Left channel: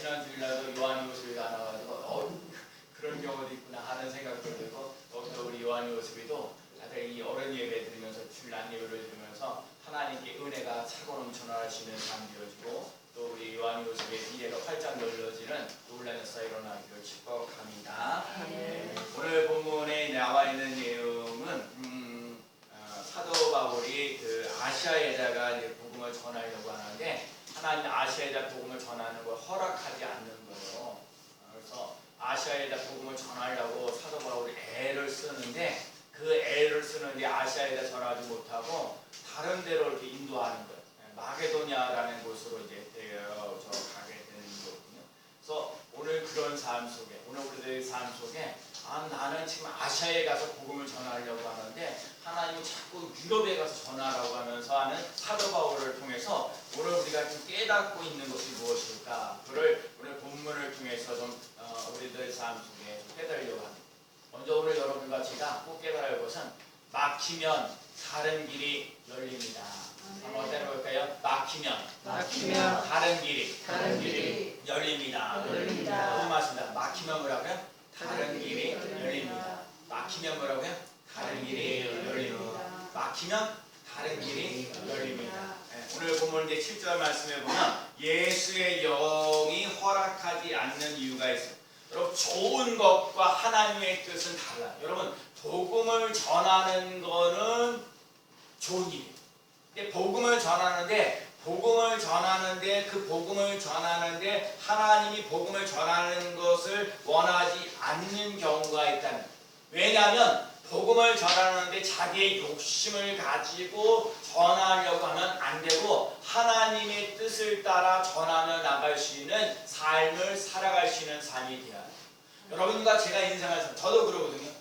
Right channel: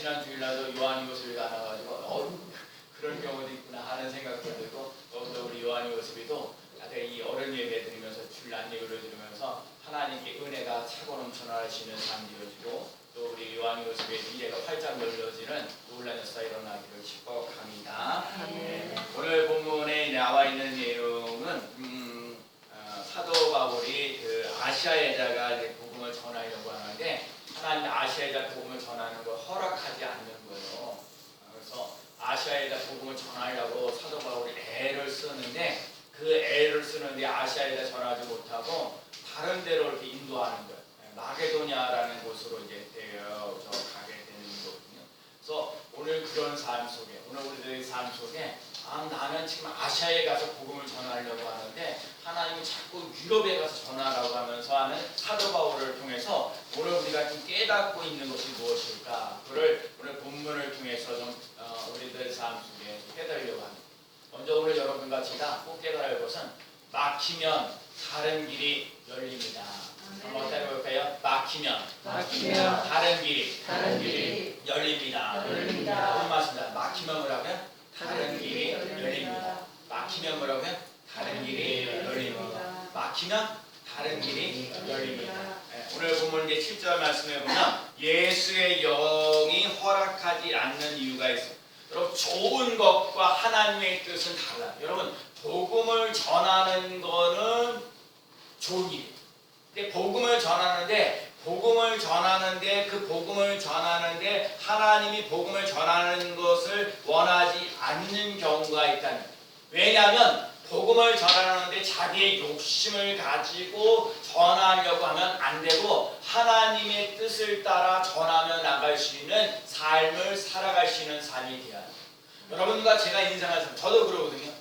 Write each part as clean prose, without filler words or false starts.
지난 주일날도 요한요셉이 나와가지고 그런 경우도 있구나 하는 생각도 들고, 또 우리 요한요셉이도 다들 이 어른 예배 드리면서 주일날 예배를 드리면서 하나님께 은혜가 차고 넘쳐나시는 삶이 되어지고, 또 우리 요한요셉의 미래가 활짝 열려지는 놀라운 역사가 일어나기를 축복합니다. 오늘 본문에 나와 있는 내용은 사도 바울이 그 아시아에다가 복음을 전하려고 하는데, 하나님 아시아에다 복음을 전하는 걸 허락하지 않는 거예요. 그래서 아시아에다 복음을 전하려고 사도 바울이 애를 쓰는데, 그 애를 쓰는데 아시아에다 전하지 못하고 다른 데로 이렇게 인도하는 거예요. 마게도냐라는 곳으로 이제 되어져 가게 되는 거거든요. 그래서 오늘 그런 삶 속에, 오늘 우리들의 삶 속에 나는 지금 아시아에 가서 복음을 전하려고 하는데 하나님이 자꾸 유럽에 가서 전하라고 하면서 하는 사도 바울을 통해서 오늘 우리가 좀 깨닫고 있는 것이 무엇일까? 그를 오늘 본문을 통해서 좀 우리들의 삶 속에 깨달으려고 합니다. 먼저 오늘 여러분과 제가 꼭 깨달아야 할 것은 막히면 다른 길이 열립니다. 한번 해볼까요? 막히면 다른 길이 열립니다. 무슨 말씀입니다. 막히면 뭐라고요? 다른 길이 열립니다. 막히면 뭐라고요? 다른 길이 열립니다. 막히면 다른 길이 열립니다. 오늘 보면 이제 7절 말씀에 보면 예수의 영이 허락하지 않는 이유가 있어요. 여러분, 좋은 것과 하나님의 뜻은 달라요. 여러분, 복음을 전하는 거는 좋은 일이에요. 근데 복음을 전하는데 그 복음을 전하는데 하나님이 복음을 전하는 것을 원하지 않는 경우가 있다는 거예요. 왜냐하면 복음을 전하는데 자기의 욕심을 가지고 전하려고 하면 안 되고, 하나님의 뜻을 따라 전하며 나갈 수 있는 삶을 살아갈 수 있는 삶이 되어야 돼요. 여러분과 제가 인생을 살, 저도 그러거든요.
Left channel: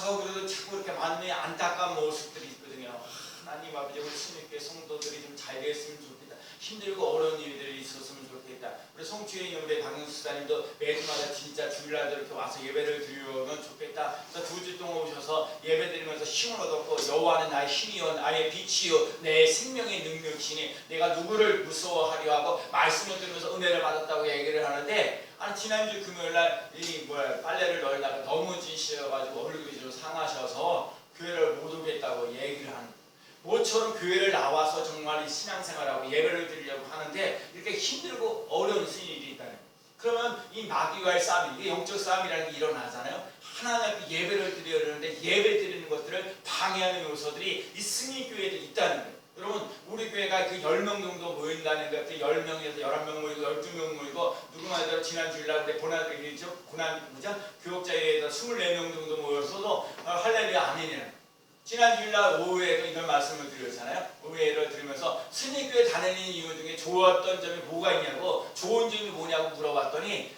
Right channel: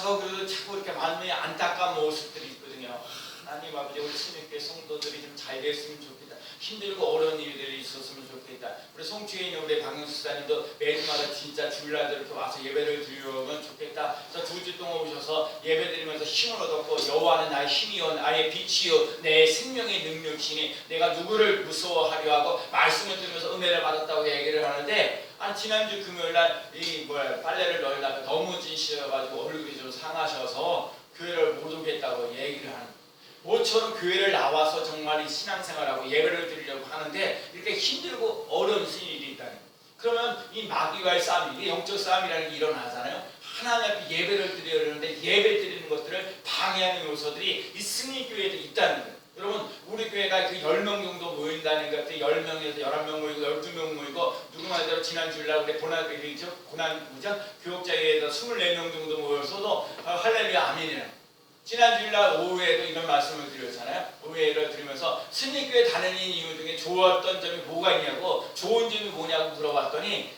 저 그래도 자꾸 이렇게 많은 안타까운 모습들이 있거든요. 하나님 아버지, 우리 신입교 성도들이 좀 잘 됐으면 좋겠다. 힘들고 어려운 일들이 있었으면 좋겠다. 우리 송주에 있는 우리 박영수 사님도 매주마다 진짜 주일날 이렇게 와서 예배를 드리면 좋겠다. 저 2주 동안 오셔서 예배 드리면서 힘을 얻었고, 여호와는 나의 힘이요 나의 빛이요 내 생명의 능력이시니 내가 누구를 무서워하려 하고 말씀을 들으면서 은혜를 받았다고 얘기를 하는데, 지난주 금요일날 빨래를 널다가 너무 진실해가지고 얼굴이 좀 상하셔서 교회를 못 오겠다고 얘기를 하는 거예요. 모처럼 교회를 나와서 정말 신앙생활하고 예배를 드리려고 하는데 이렇게 힘들고 어려운 일이 있다는 거예요. 그러면 이 마귀와의 싸움, 이게 영적 싸움이라는 게 일어나잖아요. 하나님 앞에 예배를 드려야 하는데 예배 드리는 것들을 방해하는 요소들이 이 승리교회에도 있다는 거예요. 여러분, 우리 교회가 그 10명 정도 모인다는 것 같아요. 10명에서 11명 모이고 12명 모이고, 누구 말대로 지난 주일날 우리 교육자회에서 24명 정도 모여서도 할렐루야 아멘이에요. 지난 주일날 오후에도 이런 말씀을 드렸잖아요. 오후에를 들으면서 승리교회 다니는 이유 중에 좋았던 점이 뭐가 있냐고, 좋은 점이 뭐냐고 물어봤더니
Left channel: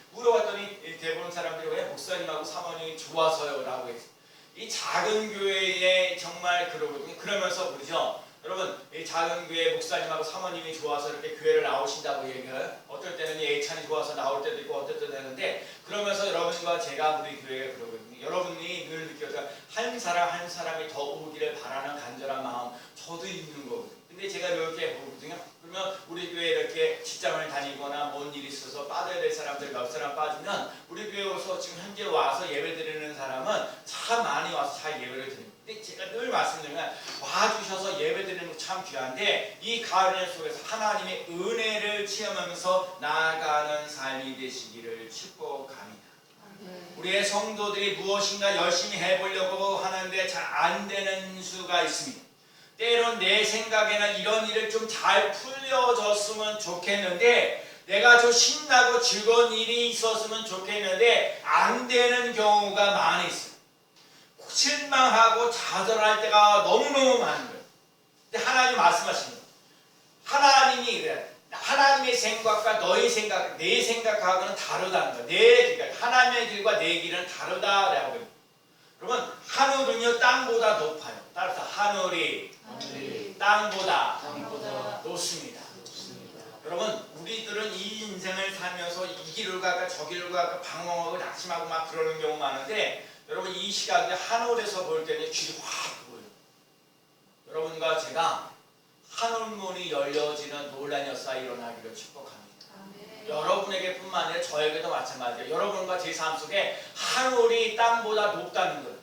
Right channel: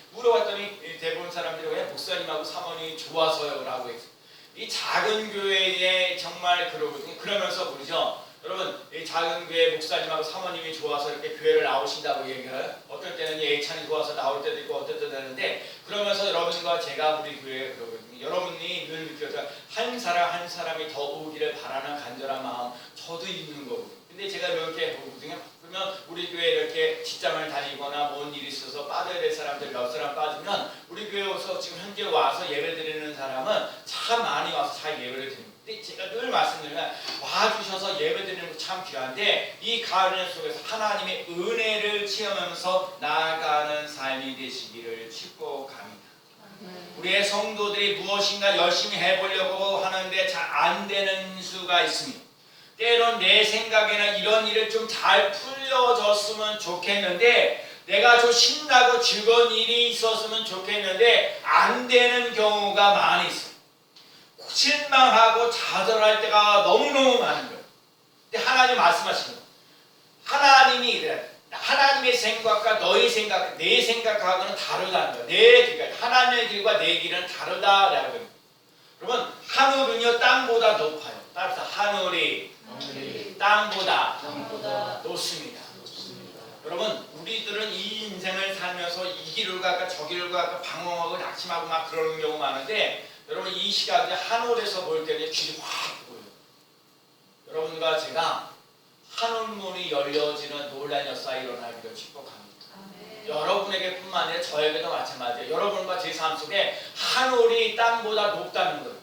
대부분 사람들이 왜 목사님하고 사모님이 좋아서요 라고 했어요. 이 작은 교회에 정말 그러거든요. 그러면서 그러죠. 여러분, 이 작은 교회 목사님하고 사모님이 좋아서 이렇게 교회를 나오신다고 얘기해요. 어떨 때는 예찬이 좋아서 나올 때도 있고 어떨 때도 되는데, 그러면서 여러분과 제가 우리 교회에 그러거든요. 여러분이 늘 느껴서 한 사람 한 사람이 더 오기를 바라는 간절한 마음 저도 있는 거거든요. 근데 제가 이렇게 보거든요. 그러면 우리 교회에 이렇게 직장을 다니거나 뭔 일이 있어서 빠져야 될 사람들 몇 사람 빠지면 우리 교회에 와서 지금 현재 와서 예배 드리는 사람은 참 많이 와서 잘 예배를 드립니다. 근데 제가 늘 말씀드리면 와주셔서 예배 드리는 거 참 귀한데, 이 가을 속에서 하나님의 은혜를 체험하면서 나아가는 삶이 되시기를 축복합니다. 우리의 성도들이 무엇인가 열심히 해보려고 하는데 잘 안 되는 수가 있습니다. 때론 내 생각에는 이런 일을 좀 잘 풀려졌으면 좋겠는데, 내가 좀 신나고 즐거운 일이 있었으면 좋겠는데 안 되는 경우가 많이 있어요. 실망하고 좌절할 때가 너무너무 많은 거예요. 근데 하나님 말씀하시는 거예요. 하나님의 생각과 너의 생각, 내 생각하고는 다르다는 거예요. 하나님의 길과 내 길은 다르다라고 해요. 여러분, 하늘은요 땅보다 높아요. 따라서 하늘이 땅보다 높습니다. 여러분, 우리들은 이 인생을 살면서 이 길을 갈까 저 길을 갈까 방황하고 낙심하고 막 그러는 경우 많은데, 여러분 이 시각에 하늘에서 볼 때는 길이 확 보여요. 여러분과 제가 하늘문이 열려지는 놀라운 역사가 일어나기를 축복합니다. 여러분 여러분에게 뿐만 아니라 저에게도 마찬가지예요. 여러분과 제 삶 속에 하늘이 땅보다 높다는 거예요.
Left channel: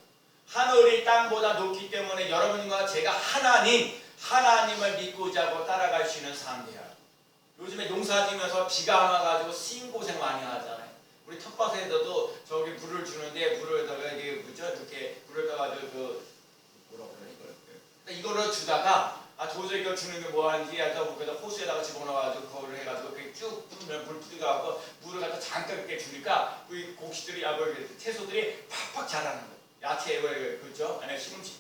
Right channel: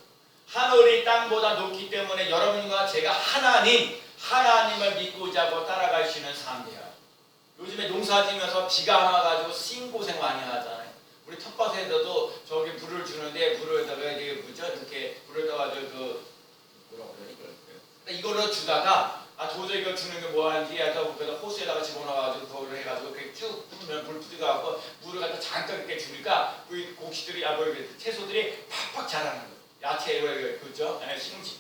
하늘이 땅보다 높기 때문에 여러분과 제가 하나님을 믿고자 하고 따라갈 수 있는 삶이에요. 요즘에 농사 지면서 비가 안 와가지고 싱고생 많이 하잖아요. 우리 텃밭에서도 저기 물을 주는데 물에다가 이게 뭐죠? 이렇게 물에다가 뭐라고 그래 이걸로 주다가 도저히 이거 주는 게 뭐하는지 하다 그래서 호수에다가 집어넣어가지고 그걸 해가지고 그렇게 쭉 뿌리면 물 뿌려갖고 물을 갖다 잠깐 이렇게 주니까 그 곡식들이 채소들이 팍팍 자라는 거예요. 야채 그죠? 시금치,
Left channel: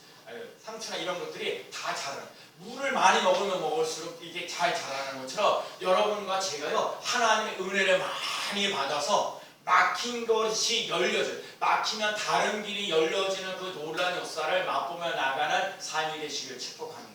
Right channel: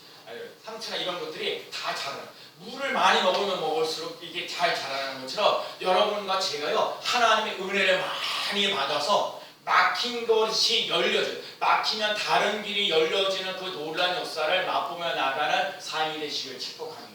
상추나 이런 것들이 다 자라요. 물을 많이 먹으면 먹을수록 이게 잘 자라는 것처럼 여러분과 제가요 하나님의 은혜를 많이 받아서 막힌 것이 열려져요. 막히면 다른 길이 열려지는 그 놀라운 역사를 맛보며 나가는 삶이 되시길 축복합니다.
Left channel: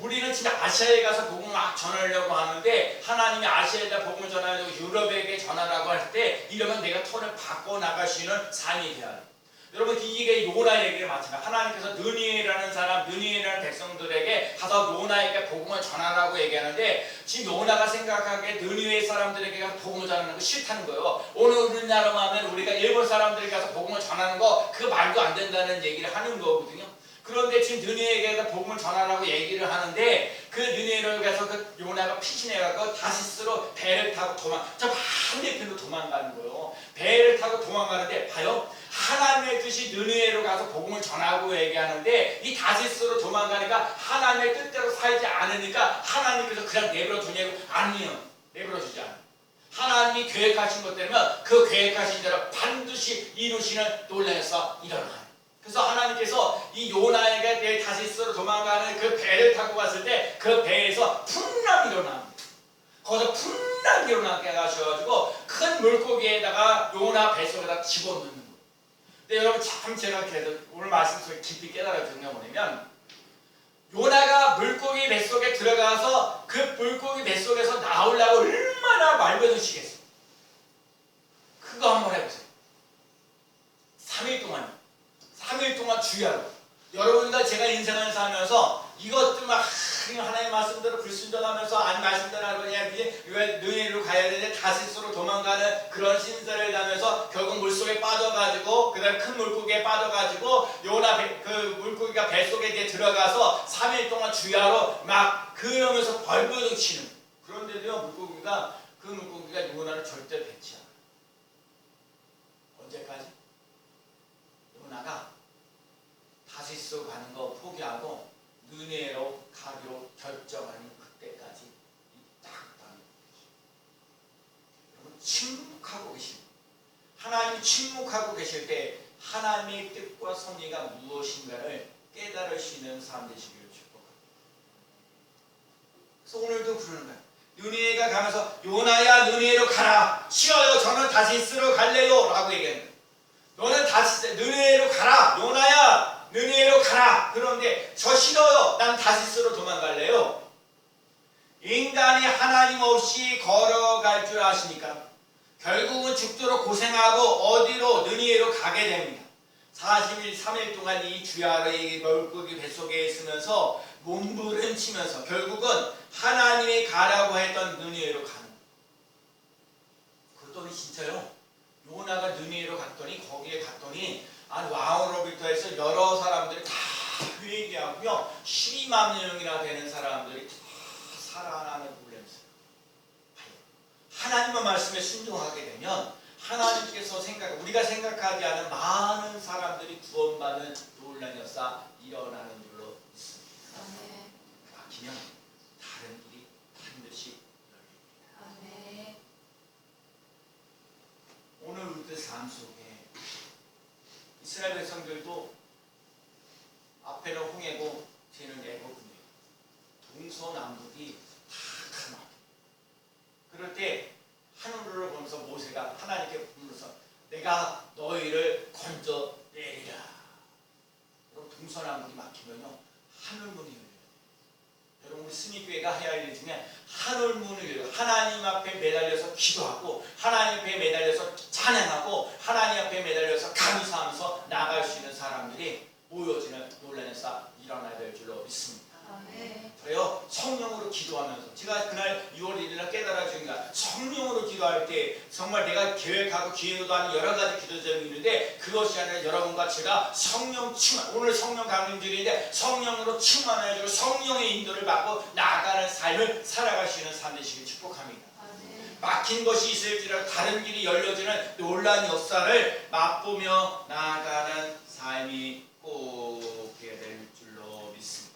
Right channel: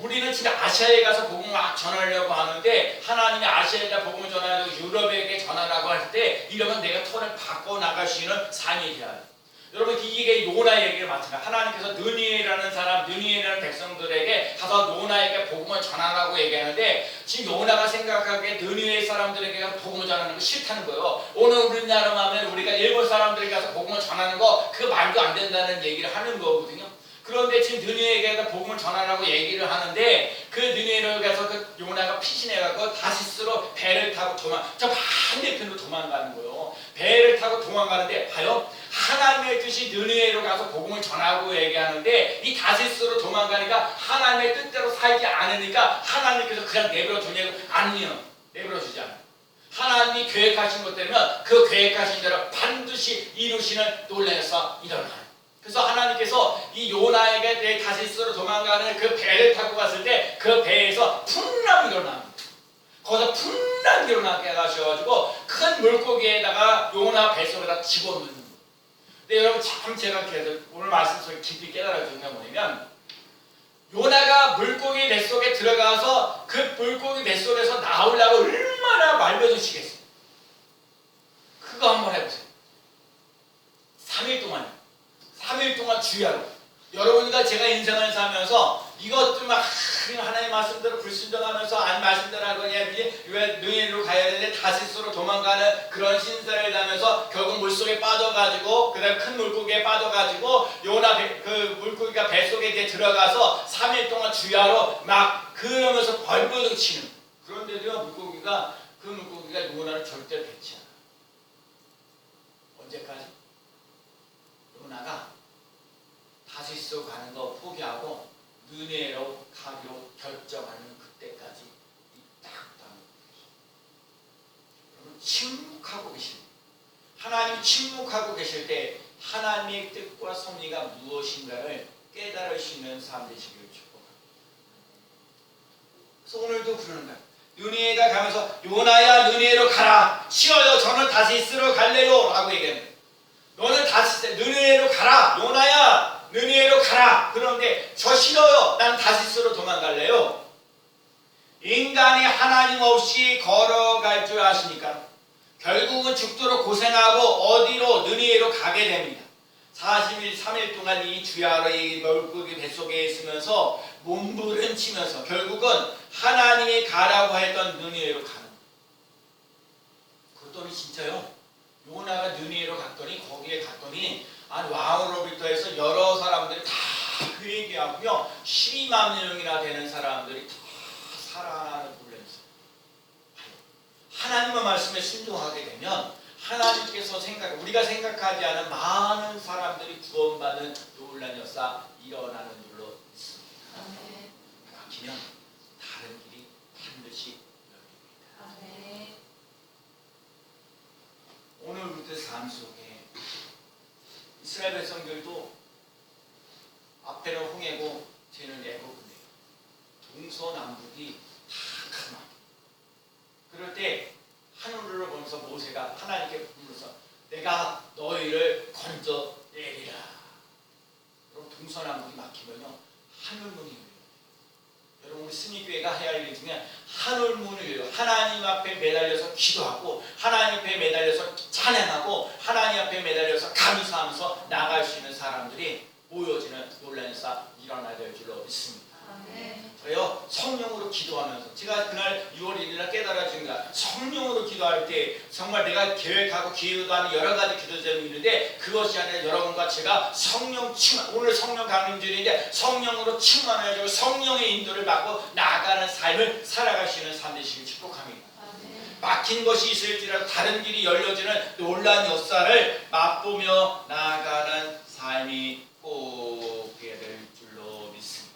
우리는 지금 아시아에 가서 복음을 막 전하려고 하는데 하나님이 아시아에다 복음을 전하려고 유럽에게 전하라고 할 때 이러면 내가 턴을 바꿔 나갈 수 있는 삶이 돼야 돼요. 여러분 이게 요나 얘기를 마찬가지. 하나님께서 느니에라는 백성들에게 가서 요나에게 복음을 전하라고 얘기하는데 지금 요나가 생각하기에 느니에 사람들에게 가서 복음을 전하는 거 싫다는 거예요. 오늘 우리나라 하면 우리가 일본 사람들에게 가서 복음을 전하는 거 그 말도 안 된다는 얘기를 하는 거거든요. 그런데 지금 느니에게 가서 복음을 전하라고 얘기를 하는데 그 느니에로 가서 그 요나가 피신해가지고 다시스로 배를 타고 저 반대편으로 도망가는 거예요. 배를 타고 도망가는데 봐요. 하나님의 뜻이 느니에로 가서 복음을 전하고 얘기하는데 이 다시스로 도망가니까 하나님의 뜻대로 살지 않으니까 하나님께서 그냥 내버려 두냐고 아니요. 내버려 주지 않아요. 하나님이 계획하신 것 때문에 그 계획하신 대로 반드시 이루시는 놀라운 역사가 일어나요. 그래서 하나님께서 이 요나에게 다시스로 도망가는 그 배를 타고 갔을 때 그 배에서 풍랑이 일어납니다. 거기서 풍랑이 일어나게 하셔가지고 큰 물고기에다가 요나 뱃속에다 집어넣는 거예요. 근데 여러분 참 제가 계속 오늘 말씀 속에 깊이 깨달아진 게 뭐냐면 요나가 물고기 뱃속에 들어가서 그 물고기 뱃속에서 나오려고 얼마나 말벼드시겠어요. 그거 한번 해보세요. 3일 동안 주야로 여러분과 제가 인생을 살면서 이것도 막 하나님의 말씀대로 불순종하면서 아니 말씀대로 하거냐 왜 느니에로 가야 되는데 다시스로 도망가는 그런 신세를 하면서 결국 물속에 빠져가지고 그다음 큰 물고기에 빠져가지고 요나 그 물고기가 뱃속에 이제 들어가서 3일 동안 주야로 막 그러면서 벌벌 치는 그런데도요 물고기가 요나를 절대 뱉지 않아요. 언제까지? 요나가 다시스 가는 거 포기하고 느니에로 가기로 결정하는 그때까지 딱딱 여러분 침묵하고 계십니다. 하나님 침묵하고 계실 때 하나님의 뜻과 섭리가 무엇인가를 깨달으시는 삶 되시기를 축복합니다. 그래서 오늘도 그러는 거예요. 느니에가 가면서 요나야 느니에로 가라. 쉬어요. 저는 다시스로 갈래요. 라고 얘기합니다. 너는 다시 느니에로 가라. 요나야 느니에로 가라. 그런데 저 싫어요. 난 다시스로 도망갈래요. 인간이 하나님 없이 걸어갈 줄 아십니까? 결국은 죽도록 고생하고 어디로 느니에로 가게 됩니다. 40일 3일 동안 이 주야로 이 물고기 뱃속에 있으면서 몸부림치면서 결국은 하나님이 가라고 했던 느니에로 가는 거예요. 그랬더니 진짜요. 요나가 느니에로 갔더니 거기에 갔더니 왕으로부터 해서 여러 사람들이 다 회개하고요 12만 명이나 되는 사람들이 다 살아나는 놀라면서 하나님의 말씀에 순종하게 되면 하나님께서 우리가 생각하지 않은 많은 사람들이 구원받는 놀라운 역사 일어나는 줄로 믿습니다. 막히면 다른 길이 반드시 열립니다. 오늘 우리들 삶 속에 이스라엘 백성들도 앞에는 홍해고 뒤에는 애굽인데 동서남북이 다 가나. 그럴 때 하늘을 보면서 모세가 하나님께 부르면서 내가 너희를 건져 내리라. 여러분 동서남북이 막히면요 하늘문이 열려요. 여러분 우리 승리교회가 해야 할 일 중에 하늘문을 열어요. 하나님 앞에 매달려서 기도하고 하나님 앞에 매달려서 찬양하고 하나님 앞에 매달려서 감사하면서 나갈 수 있는 사람들이 모여지는 놀라운 역사 일어나야 될 줄로 믿습니다. 저요 성령으로 기도하면서 제가 그날 6월 1일날 깨달아진 게 성령으로 기도할 때 정말 내가 계획하고 기도하는 여러 가지 기도 제목이 있는데 그것이 아니라 여러분과 제가 성령 충만, 오늘 성령 강림주일인데 성령으로 충만해지고 성령의 인도를 받고 나아가는 삶을 살아갈 수 있는 삶 되시길 축복합니다. 막힌 것이 있을지라도 다른 길이 열려지는 놀라운 역사를 맛보며 나아가는 삶이 꼭 되어야 될 줄로 믿습니다.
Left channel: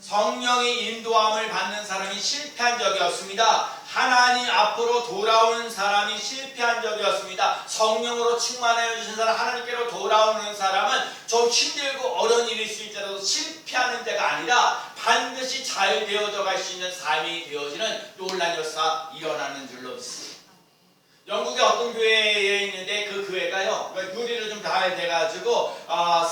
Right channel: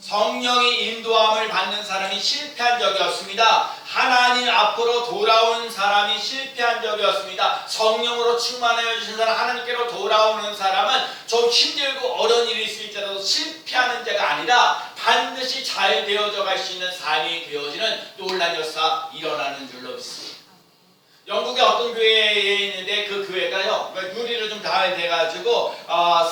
성령의 인도함을 받는 사람이 실패한 적이 없습니다. 하나님 앞으로 돌아온 사람이 실패한 적이 없습니다. 성령으로 충만하여 주신 사람, 하나님께로 돌아오는 사람은 좀 힘들고 어려운 일이 있을지라도 실패하는 자가 아니라 반드시 잘 되어져 갈 수 있는 삶이 되어지는 놀라운 역사 일어나는 줄로 믿습니다. 영국의 어떤 교회에 있는데 그 교회가요 유리로 좀 다 돼가지고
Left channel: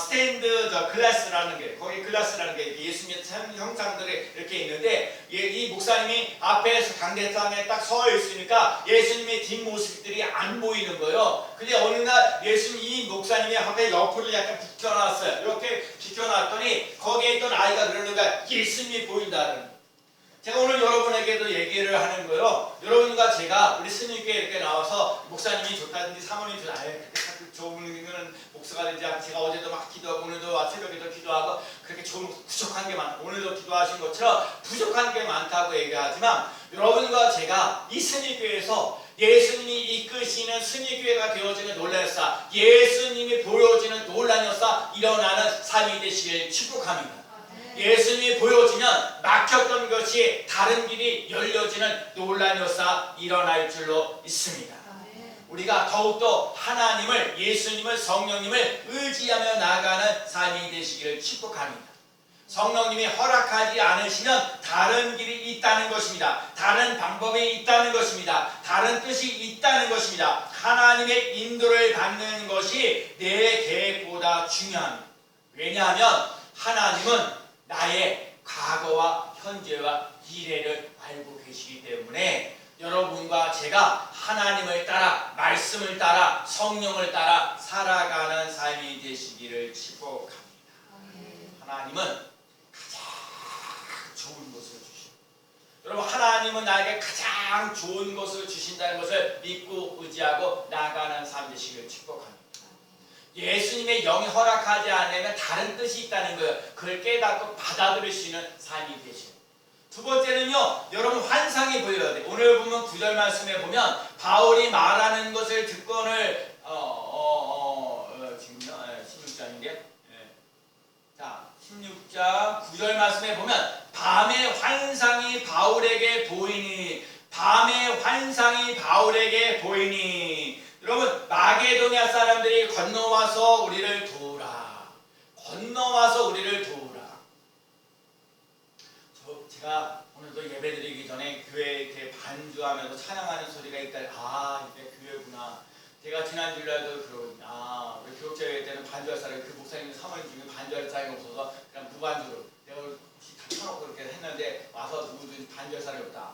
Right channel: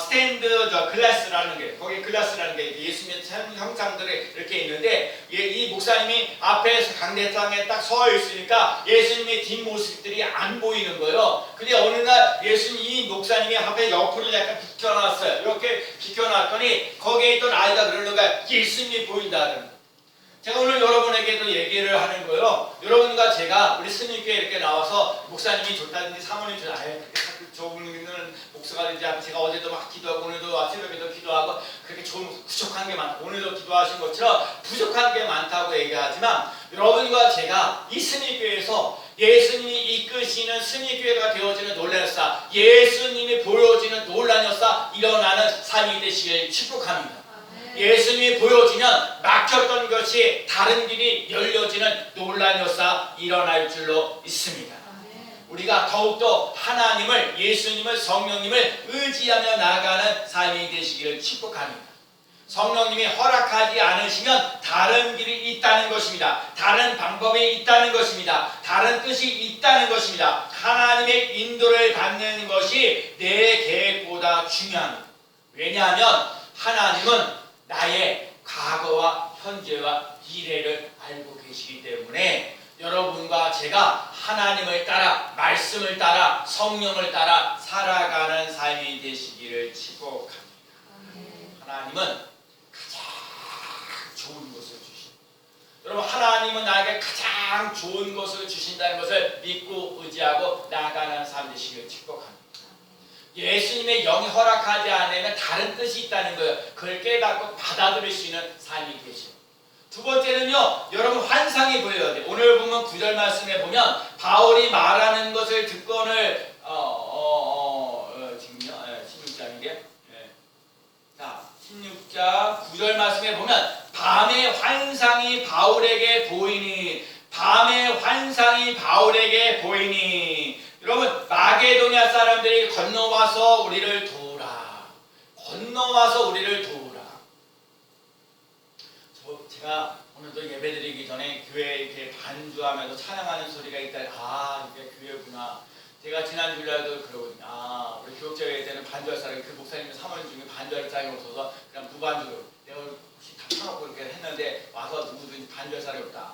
스탠드 글라스라는 게 거기 글라스라는 게 예수님의 형상들이 이렇게 있는데 이 목사님이 앞에서 강대상에 딱 서 있으니까 예수님의 뒷모습들이 안 보이는 거예요. 근데 어느 날 예수님 이 목사님이 앞에 옆으로 약간 비켜놨어요. 이렇게 비켜놨더니 거기에 있던 아이가 그러는 거야. 예수님이 보인다는 거예요. 제가 오늘 여러분에게도 얘기를 하는 거예요. 여러분과 제가 우리 스님께 이렇게 나와서 목사님이 좋다든지 사모님이 좋다. 그렇게 좋은 목사가 되지 않고 제가 어제도 막 기도하고 오늘도 새벽에도 기도하고 그렇게 좋은 부족한 게 많고 오늘도 기도하신 것처럼 부족한 게 많다고 얘기하지만 여러분과 제가 이 스님교회에서 예수님이 이끄시는 스님교회가 되어지는 놀라운 역사, 예수님이 보여지는 놀라운 역사 일어나는 삶이 되시길 축복합니다. 예수님이 보여지면 막혔던 것이 다른 길이 열려지는 놀라운 역사 일어날 줄로 믿습니다. 우리가 더욱더 하나님을, 예수님을, 성령님을 의지하며 나아가는 삶이 되시기를 축복합니다. 성령님이 허락하지 않으시면 다른 길이 있다는 것입니다. 다른 방법이 있다는 것입니다. 다른 뜻이 있다는 것입니다. 하나님의 인도를 받는 것이 내 계획보다 중요합니다. 왜냐하면 하나님은 나의 과거와 현재와 미래를 알고 계시기 때문에 여러분과 제가 하나님을 따라 말씀을 따라 성령을 따라 살아가는 삶이 되시기를 축복합니다. 하나님은 가장 좋은 것을 주십니다. 여러분 하나님은 나에게 가장 좋은 것을 주신다는 것을 믿고 의지하고 나아가는 삶 되시기를 축복합니다. 예수님의 영이 허락하지 않으면 다른 뜻이 있다는 거예요. 그걸 깨닫고 받아들일 수 있는 삶이 되시죠. 두 번째는요, 여러분 환상이 보여야 돼요. 오늘 보면 9절 말씀에 보면 바울이 말하는 것을 듣건을 지금요 16장인데 자 16장 9절 말씀에 보면 밤에 환상이 바울에게 보이니 여러분 마게도냐 사람들이 건너와서 우리를 도우라. 제가 오늘도 예배드리기 전에 교회에 이렇게 반주하면서 찬양하는 소리가 있다. 이게 교회구나. 제가 지난 주일날도 그러거든요. 우리 교육자회 때는 반주할 사람이 그 목사님 사모님 중에 반주할 사람이 없어서 그냥 무반주로 내가 혹시 다 쳐놓고 이렇게 했는데 와서 누구든지 반주할 사람이 없다.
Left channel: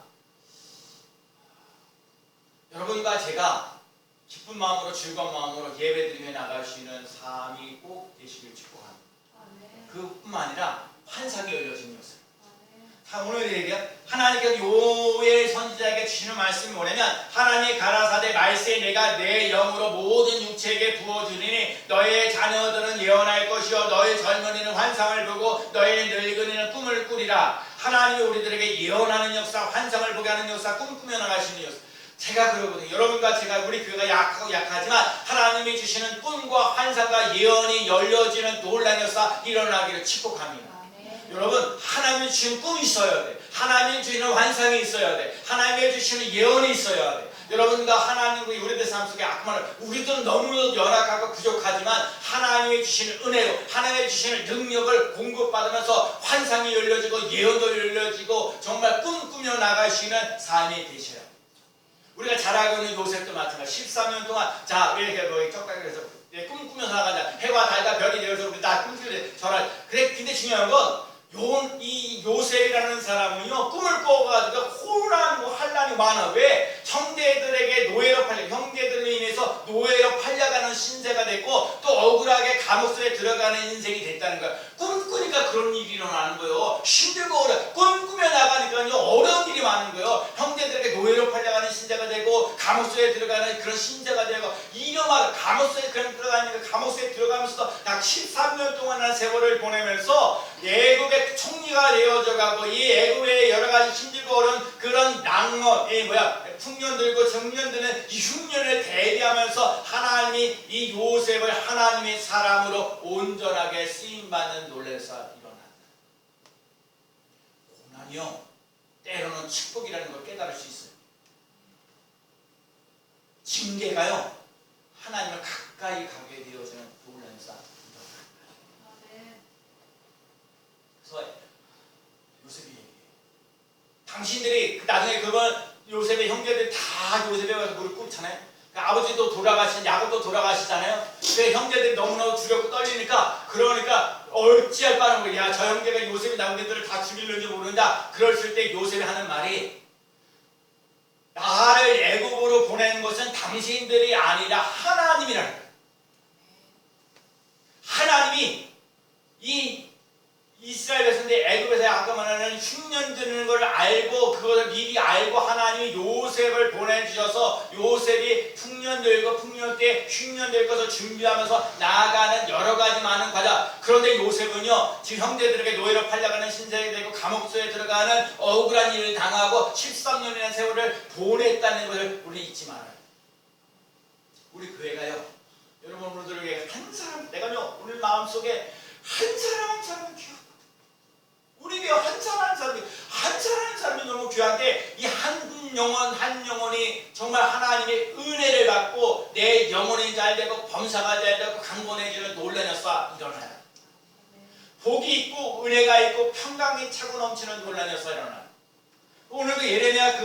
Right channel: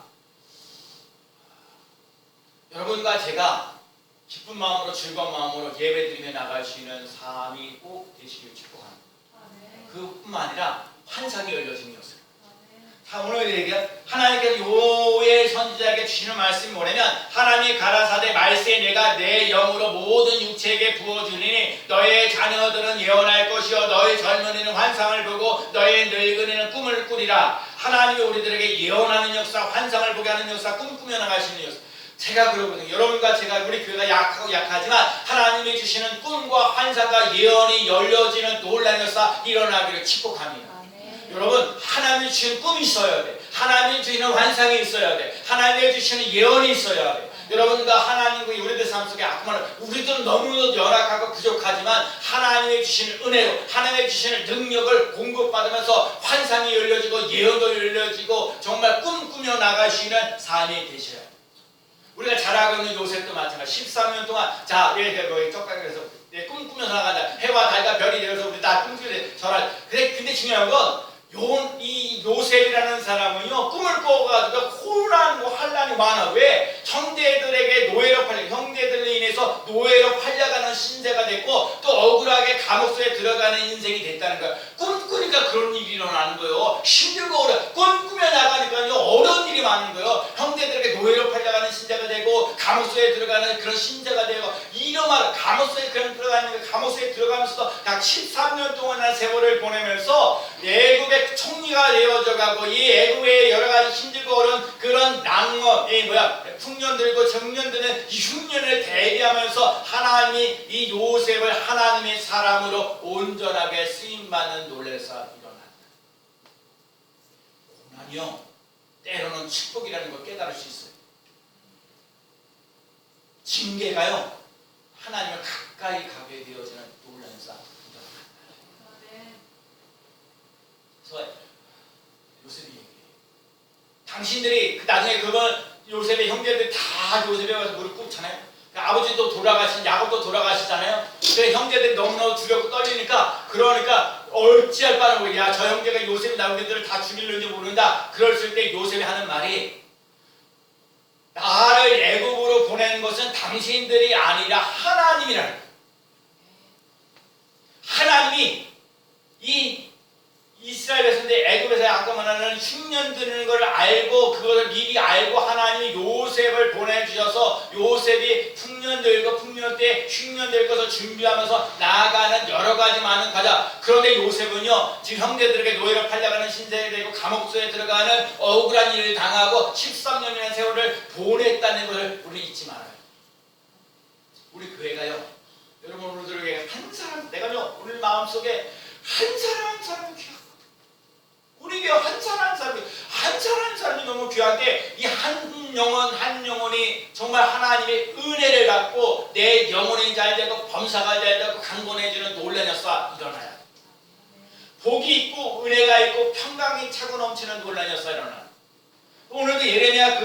여러분과 제가 기쁜 마음으로 즐거운 마음으로 예배드리며 나갈 수 있는 삶이 꼭 되시길 축복합니다. 그뿐만 아니라 환상이 열려지는 것을. 오늘 얘기가 하나님께서 요엘 선지자에게 주시는 말씀이 뭐냐면 하나님이 가라사대 말세에 내가 내 영으로 모든 육체에게 부어주리니 너의 자녀들은 예언할 것이요 너의 젊은이는 환상을 보고 너의 늙은이는 꿈을 꾸리라. 하나님이 우리들에게 예언하는 역사, 환상을 보게 하는 역사, 꿈꾸며 나갈 수 있는 역사. 제가 그러거든요. 여러분과 제가 우리 교회가 약하고 약하지만 하나님이 주시는 꿈과 환상과 예언이 열려지는 놀라운 역사 일어나기를 축복합니다. 여러분 하나님이 주시는 꿈이 있어야 돼. 하나님이 주시는 환상이 있어야 돼. 하나님이 주시는 예언이 있어야 돼. 여러분과 하나님과 우리들 삶 속에 우리들은 너무 열악하고 부족하지만 하나님이 주시는 은혜로 하나님이 주시는 능력을 공급받으면서 환상이 열려지고 예언도 열려지고 정말 꿈꾸며 나갈 수 있는 삶이 되셔야 돼요. 우리가 잘 알고 있는 요셉도 마찬가지. 13년 동안 이렇게 쩍가게에서 꿈꾸면서 나가자. 해와 달과 별이 되어서 우리 다 꿈꾸는데 근데 중요한 건 이 요셉이라는 사람은요 꿈을 꿔가지고 혼란과 환란이 많아. 왜? 형제들에게 노예로 형제들로 인해서 노예로 팔려가는 신세가 됐고 또 억울하게 감옥소에 들어가는 인생이 됐다는 거야. 꿈꾸니까 그런 일이 일어나는 거예요. 힘들고 꿈꾸며 나가니까요 어려운 일이 많은 거예요. 형제들에게 노예로 팔려가는 신세가 되고 되고 감옥 속에 들어가는 그런 신자가 되고 이름하여 감옥 속에 들어가는 감옥 속에 들어가면서도 약 13년 동안의 세월을 보내면서 애굽의 총리가 되어져가고 이 애굽의 여러 가지 힘들고 어려운 그런 낭만, 풍년들고 정년들은 이 흉년을 대비하면서 하나님이 이 요셉을 하나님의 사람으로 온전하게 쓰임받는 놀라서 일어난다. 고난이요 때로는 축복이라는 걸 깨달을 수 있어요. 징계가요 하나님을 가까이 가게 되어지는 놀라운 싸움입니다. 그래서 요셉이 얘기해요. 당신들이 나중에 그걸 요셉의 형제들이 다 요셉에 가서 무릎 꿇잖아요. 아버지도 돌아가신 야곱도 돌아가시잖아요. 그 형제들이 너무너무 두렵고 떨리니까 그러니까 어찌할 바는 모르겠 야, 저 형제가 요셉이 남편들을 다 죽일는지 모른다. 그랬을 때 요셉이 하는 말이 나를 애굽으로 보낸 것은 당신들이 아니라 하나님이라는 거예요. 하나님이 이 이스라엘 백성들이 애굽에서 아까 말하는 흉년 드는 걸 알고 그것을 미리 알고 하나님이 요셉을 보내주셔서 요셉이 풍년 들고 풍년 때 흉년 될 것을 준비하면서 나아가는 여러 가지 많은 과정. 그런데 요셉은요 지금 형제들에게 노예로 팔려가는 신세가 되고 감옥소에 들어가는 억울한 일을 당하고 13년이라는 세월을 보냈다는 것을 우리 잊지 말아요. 우리 교회가요 여러분 오늘들에게 한 사람 내가요 오늘 마음속에 한 사람 한 사람은 귀하고 우리 교회 한 사람 한 사람이 너무 귀한데 이 한 영혼 한 영혼이 정말 하나님의 은혜를 받고 내 영혼이 잘 되고 범사가 잘 되고 강건해지는 놀라운 역사 일어나요. 복이 있고 은혜가 있고 평강이 차고 넘치는 놀라운 역사 일어나요. 오늘도 예레미야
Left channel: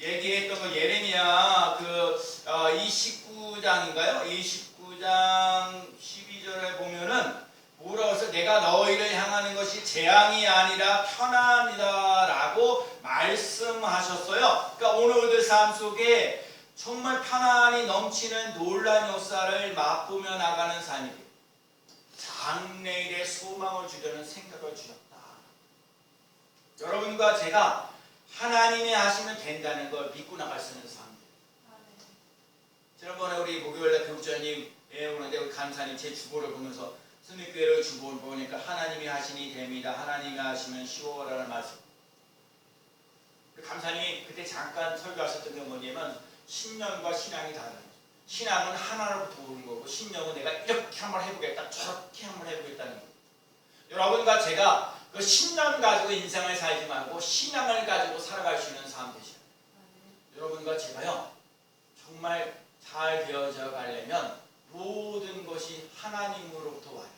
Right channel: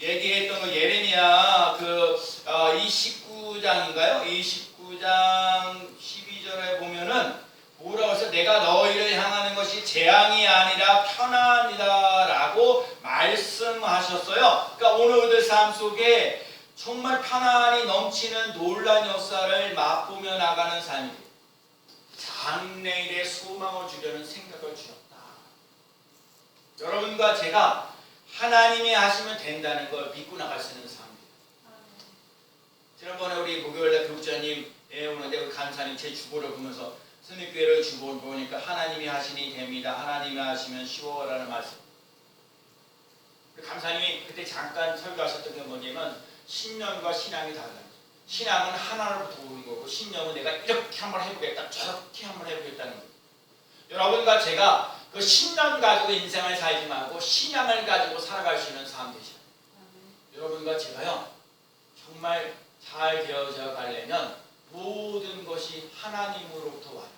얘기했던 그 예레미야 29장인가요? 29장 12절에 보면은 뭐라고 해서 내가 너희를 향하는 것이 재앙이 아니라 편안이다 라고 말씀하셨어요. 그러니까 오늘들 삶 속에 정말 편안이 넘치는 놀라운 역사를 맛보며 나가는 삶이에요. 장래일에 소망을 주려는 생각을 주셨다. 여러분과 제가 하나님이 하시면 된다는 걸 믿고 나갈 수 있는 삶이에요. 지난번에 우리 목요일날 교육자님 오는데 우리 간사님 제 주보를 보면서 스님교회를 주보를 보니까 하나님이 하시니 됩니다. 하나님이 하시면 쉬워라는 말씀. 감사님이 그때 잠깐 설교하셨던 게 뭐냐면 신념과 신앙이 다르다. 신앙은 하나로부터 오는 거고 신념은 내가 이렇게 한번 해보겠다 저렇게 한번 해보겠다는 거예요. 여러분과 제가 그 신념 가지고 인생을 살지 말고 신앙을 가지고 살아갈 수 있는 삶 되시죠. 여러분과 제가요 정말 잘 되어져 가려면 모든 것이 하나님으로부터 와요.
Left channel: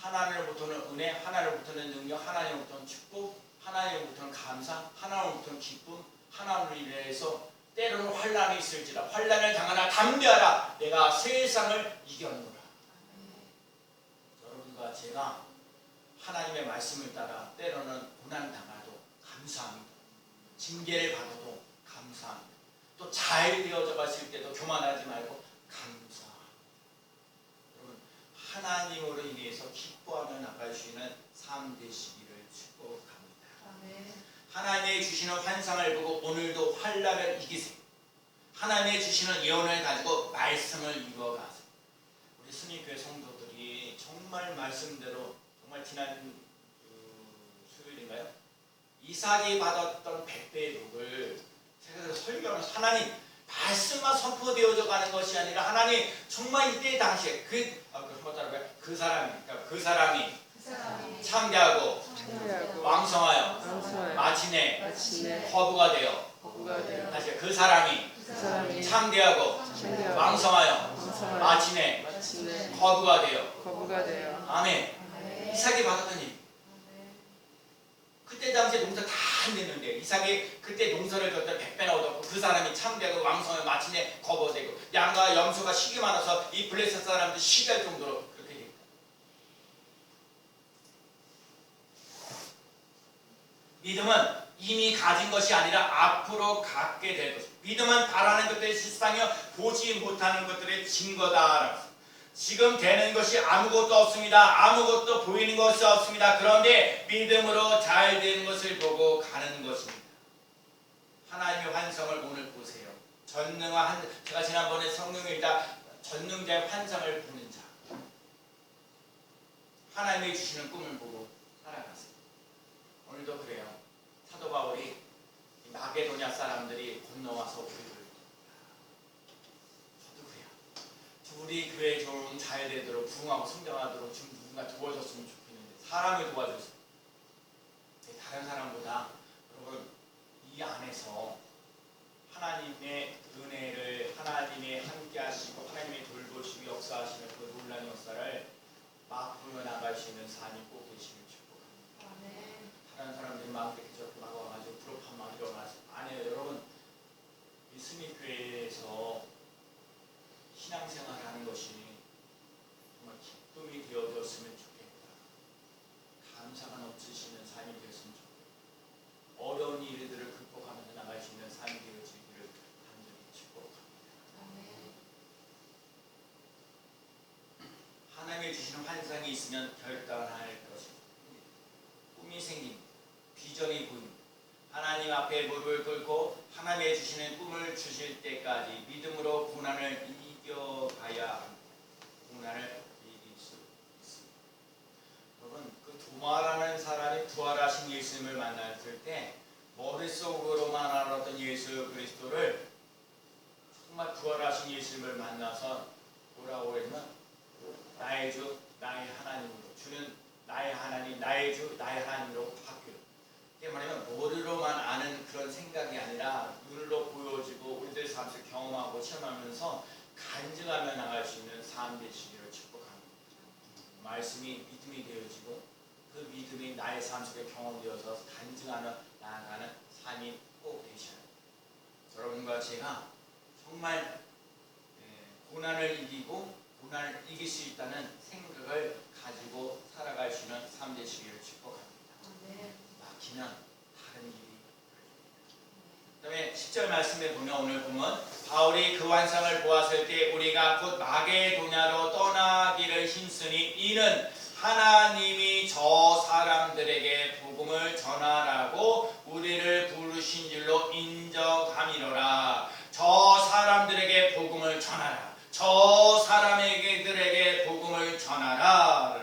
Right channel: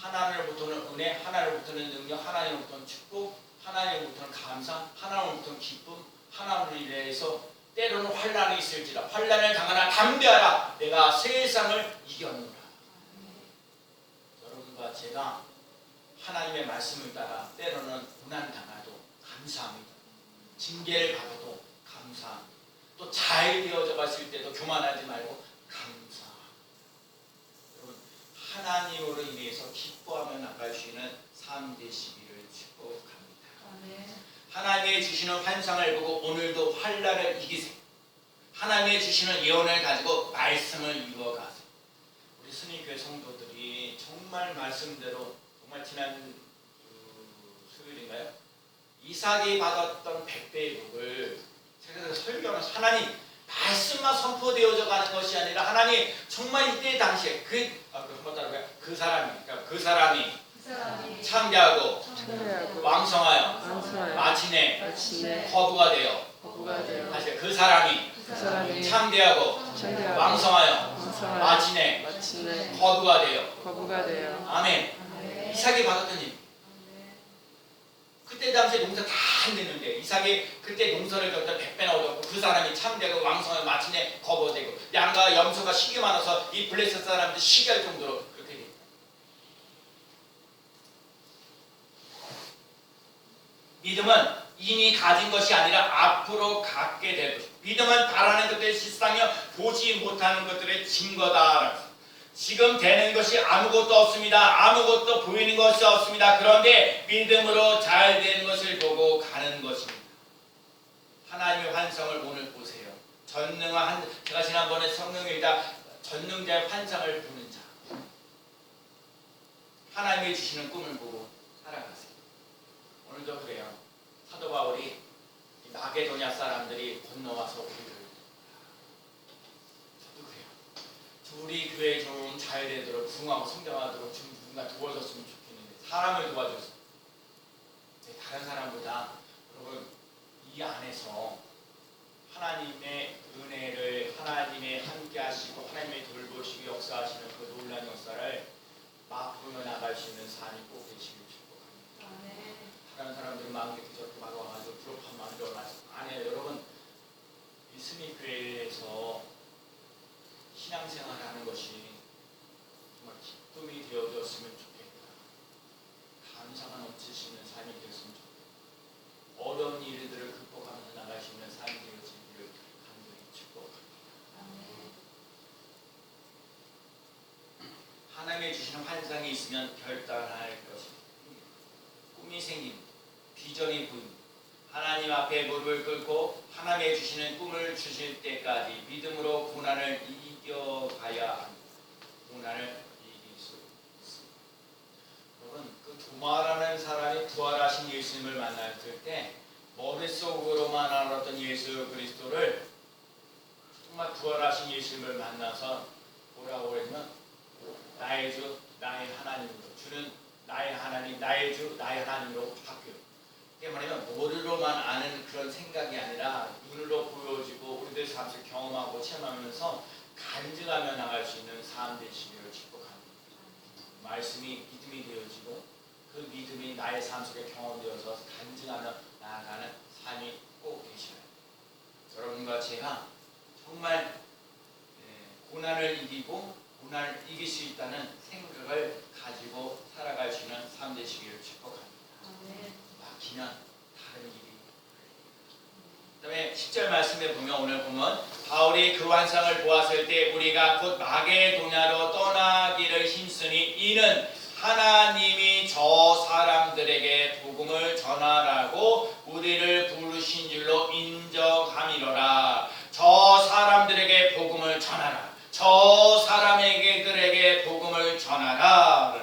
하나님으로부터는 은혜, 하나님으로부터는 능력, 하나님으로부터는 축복, 하나님으로부터는 감사, 하나님으로부터는 기쁨, 하나님을 인해서 때로는 환난이 있을지라 환난을 당하나 담대하라 내가 세상을 이겼노라. 여러분과 제가 하나님의 말씀을 따라 때로는 고난 당하도 감사합니다. 징계를 받아도 감사합니다. 또 잘 되어져 갔을 때도 교만하지 말고 감사. 여러분 하나님으로 인해서 기뻐하며 나갈 수 있는 삶 되시기를 축복합니다. 하나님이 주시는 환상을 보고 오늘도 환난을 이기세요. 하나님이 주시는 예언을 가지고 말씀을 이루어가세요. 우리 스님교회 성도들이 정말 말씀대로 정말 지난 수요일인가요? 이삭이 받았던 100배의 복을 제가 설교하면서 하나님 말씀만 선포되어져 가는 것이 아니라 하나님 정말 이때 당시에 그 사람이 창대하고 왕성하여 마침내 거부가 되어 다시 그 사람이 창대하고 왕성하여 마침내 거부가 되어 아멘. 이삭이 받았던 일. 그때 당시에 농사 다 안 됐는데 이삭이 그때 농사를 졌다 100배나 얻었고 그 사람이 참되고 왕성하여 마침내 거부되고 양과 염소가 식이 많아서 이 블레셋 사람들 시기할 정도로 그렇게 됩니다. 믿음은 이미 가진 것이 아니라 앞으로 갖게 될 것이다. 믿음은 바라는 것들의 실상이요 보지 못하는 것들의 증거다. 지금 되는 것이 아무것도 없습니다. 아무것도 보이는 것이 없습니다. 그런데 믿음으로 잘 되는 것을 보고 가는 것입니다. 하나님의 환상을 오늘 보세요. 전능한 제가 지난번에 성령이다 전능자의 환상을 보는 자. 하나님이 주시는 꿈을 보고 살아가세요. 오늘도 그래요. 사도 바울이 마게도냐 사람들이 건너와서 우리를 저도 그래요. 우리 교회 좀 잘 되도록 부흥하고 성장하도록 좀 누군가 도와줬으면 좋겠는데 사람을 도와줬어요. 다른 사람보다 여러분 이 안에서 하나님의 은혜를 하나님의 함께 하시고 하나님의 돌보시고 역사하시는 그 놀라운 역사를 맛보며 나갈 수 있는 삶이 꼭 되시길 축복합니다. 다른 사람들은 마음 깊게 막 와가지고 부럽한 마음으로 아니에요. 여러분 이 스미교회에서 신앙생활하는 것이 정말 기쁨이 되어졌으면 좋겠다. 감사가 넘치시는 삶이 되었으면 좋겠다. 어려운 일들을 극복하면서 나갈 수 있는 삶이 되어지기를 간절히 축복합니다. 하나님의 주시는 환상이 있으면 결단할 것입니다. 꿈이 생깁니다. 비전이 보입니다. 하나님 앞에 무릎을 꿇고 하나님의 주시는 꿈을 주실 때까지 믿음으로 고난을 이겨가야 합니다. 고난을 이길 수 있습니다. 여러분 그 도마라는 사람이 부활하신 예수님을 만났을 때 머릿속으로만 알았던 예수 그리스도를 정말 부활하신 예수님을 만나서 뭐라고 했냐면 나의 주 나의 하나님으로 주는 나의 하나님 나의 주 나의 하나님으로 바뀌어요. 이게 뭐냐면 머리로만 아는 그런 생각이 아니라 눈으로 보여지고 우리들 삶을 경험하고 체험하면서 간증하며 나갈 수 있는 삶 되시기를 축복합니다. 말씀이 믿음이 되어지고 그 믿음이 나의 삶 속에 경험되어서 간증하며 나아가는 삶이 꼭 되셔야 합니다. 여러분과 제가 정말 고난을 이기고 고난을 이길 수 있다는 생각을 가지고 살아갈 수 있는 삶 되시기를 축복합니다. 막히면 다른 일이 그 다음에 10절 말씀에 보면 오늘 보면 바울이 그 환상을 보았을 때 우리가 곧 마게도냐로 떠나기를 힘쓰니 이는 하나님이 저 사람들에게 복음을 전하라고 우리를 부르신 줄로 인정함이로라. 저 사람들에게 복음을 전하라. 저 사람에게들에게 복음을 전하라.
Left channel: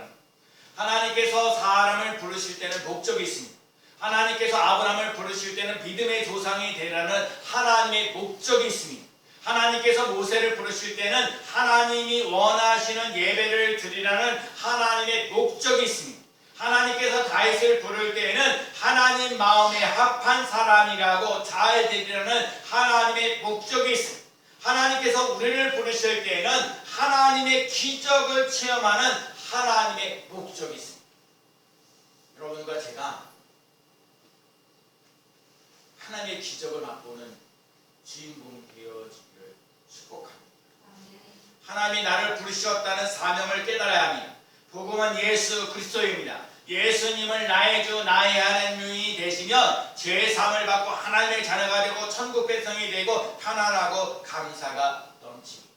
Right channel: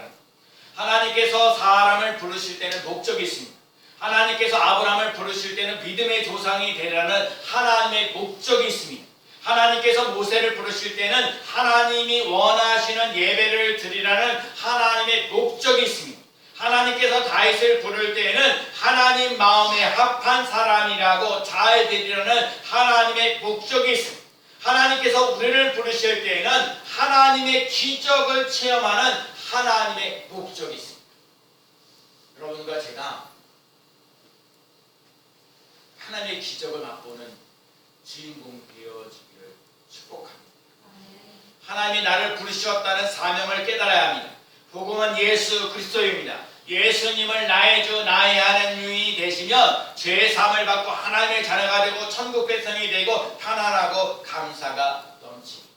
하나님께서 사람을 부르실 때는 목적이 있습니다. 하나님께서 아브라함을 부르실 때는 믿음의 조상이 되라는 하나님의 목적이 있습니다. 하나님께서 모세를 부르실 때는 하나님이 원하시는 예배를 드리라는 하나님의 목적이 있습니다. 하나님께서 다윗을 부를 때에는 하나님 마음에 합한 사람이라고 잘 되리라는 하나님의 목적이 있습니다. 하나님께서 우리를 부르실 때에는 하나님의 기적을 체험하는 하나님의 목적이 있습니다. 여러분과 제가 하나님의 기적을 맛보는 주인공 되어지기를 축복합니다. 하나님이 나를 부르셨다는 사명을 깨달아야 합니다. 복음은 예수 그리스도입니다. 예수님을 나의 주 나의 하나님이 되시면 죄사함을 받고 하나님의 자녀가 되고 천국 백성이 되고 편안하고 감사가 넘칩니다.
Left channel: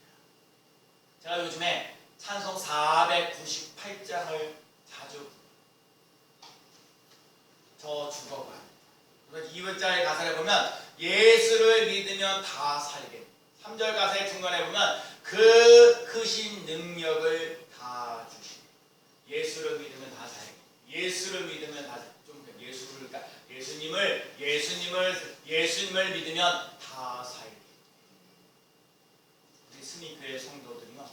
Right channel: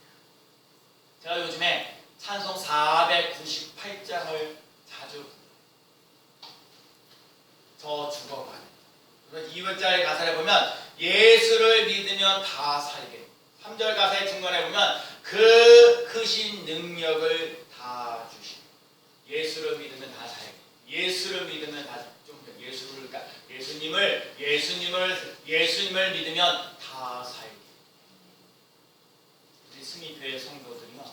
제가 요즘에 찬송 498장을 자주 저 죽어가요. 2절의 가사를 보면 예수를 믿으면 다 살게. 3절 가사의 중간에 보면 그 크신 능력을 다 주시네. 예수를 믿으면 다 살게. 예수를 믿으면 다 좀 예수님을 믿으면 다 살게. 우리 스미교회 성도들이요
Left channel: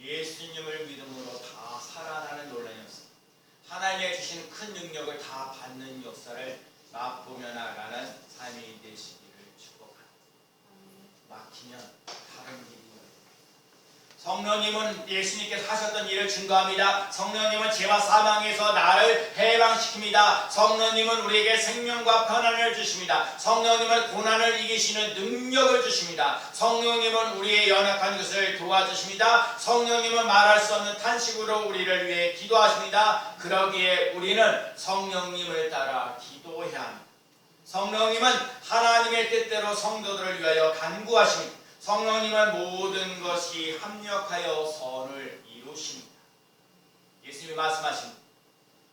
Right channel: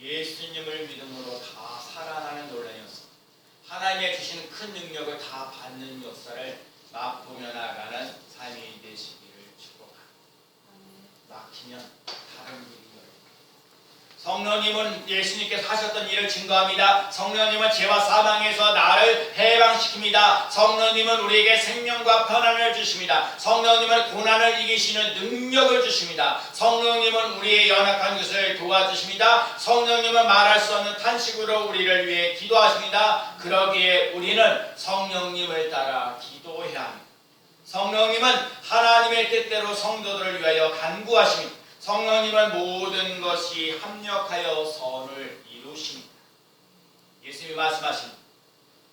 예수님을 믿음으로 다 살아나는 논란이었습니다. 하나님의 주시는 큰 능력을 다 받는 역사를 맛보며 나가는 삶이 되시기를 축복합니다. 막히면 다른 일이 성령님은 예수님께서 하셨던 일을 증거합니다. 성령님은 죄와 사망에서 나를 해방시킵니다. 성령님은 우리에게 생명과 편안을 주십니다. 성령님은 고난을 이기시는 능력을 주십니다. 성령님은 우리의 연약한 것을 도와주십니다. 성령님은 말할 수 없는 탄식으로 우리를 위해 기도하십니다. 그러기에 우리는 성령님을 따라 기도해야 합니다. 성령님은 하나님의 뜻대로 성도들을 위하여 간구하십니다. 성령님은 모든 것이 합력하여 선을 이루십니다. 예수님이 말씀하십니다.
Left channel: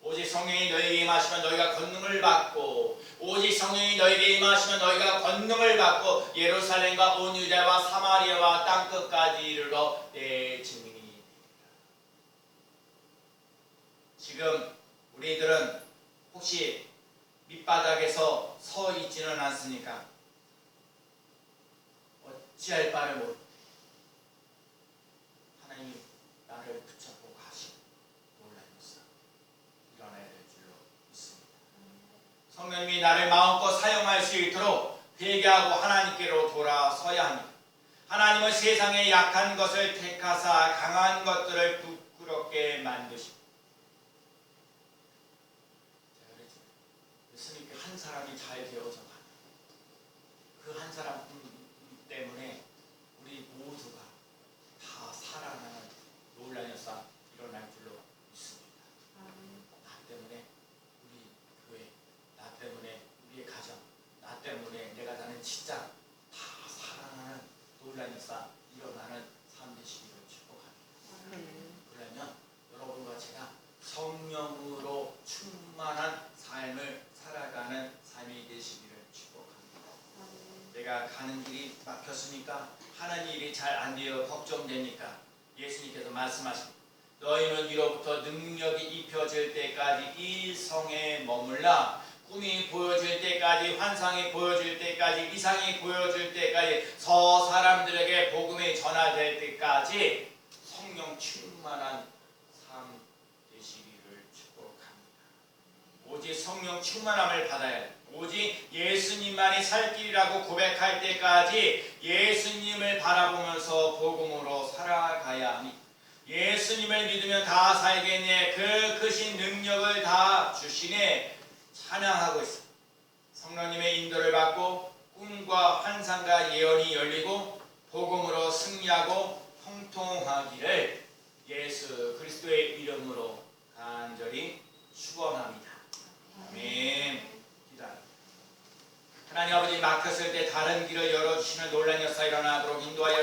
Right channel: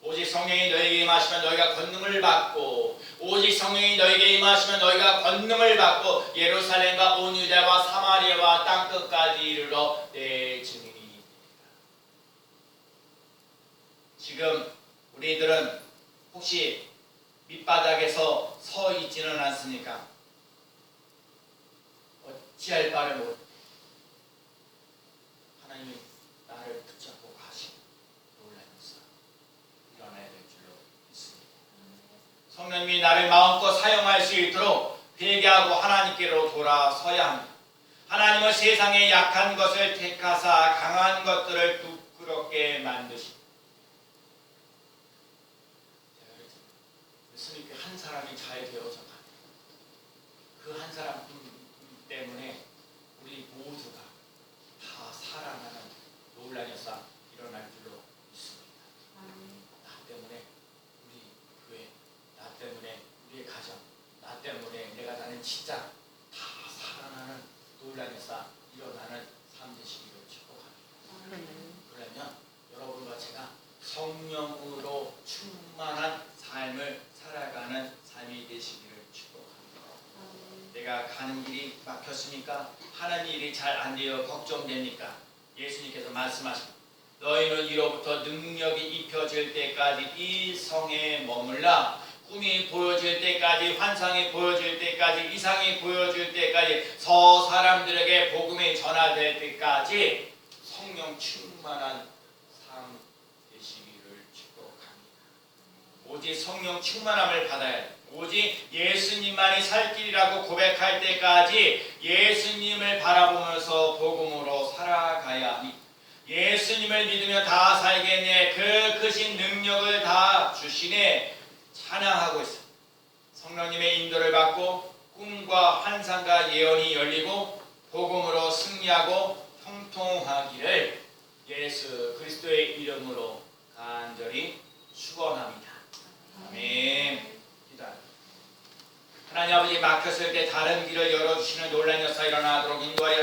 오직 성령이 너희에게 임하시면 너희가 권능을 받고 오직 성령이 너에게 임하시면 너희가 권능을 받고 예루살렘과 온 유대와 사마리아와 땅끝까지 이르러 내 증인이. 지금 우리들은 혹시 밑바닥에서 서 있지는 않습니까? 어찌할 바를 모르. 하나님이 나를 붙잡고 가시고 놀라면서 일어나야 될 줄로 믿습니다. 성령님이 나를 마음껏 사용할 수 있도록 회개하고 하나님께로 돌아서야 합니다. 하나님은 세상의 약한 것을 택하사 강한 것들을 부끄럽게 만드십니다. 예수님께 한 사람이 잘 되어져 가요. 그 한 사람 때문에 우리 모두가 다 살아나는 놀라운 역사 일어날 줄로 믿습니다. 나 때문에 우리 교회, 나 때문에 우리의 가정, 나 때문에 내가 사는 직장 다 살아나는 놀라운 역사 일어나는 삶 되시기를 축복합니다. 그러면 여러분과 제가 성령으로 충만한 삶을 살아가는 삶이 되시기를 축복합니다. 내가 가는 길이 막혔으니까 하는 일이 잘 안 되어 걱정되니까 예수님께서 말씀하십니다. 너희는 이로부터 능력이 입혀질 때까지 이 성에 머물라. 꿈이 보여질 때까지, 환상이 보여질 때까지, 이상이 보여질 때까지, 저 사람들에게 복음이 전화될 때까지 성령 충만한 삶 되시기를 축복합니다. 오직 성령 충만함을 받아야 돼. 오직 예수님만이 살 길이라고 고백할 때까지 예수님을 바라보면서 복음으로 살아가야 합니다. 예수님을 믿으며 다 살겠네. 그 크신 능력을 다 주시네. 찬양하고 있습니다. 성령님의 인도를 받고 꿈과 환상과 예언이 열리고 복음으로 승리하고 형통하기를 예수 그리스도의 이름으로 간절히 축원합니다. 아멘. 하나님 아버지, 막혔을 때 다른 길을 열어주시는 놀라운 역사 일어나도록 인도하여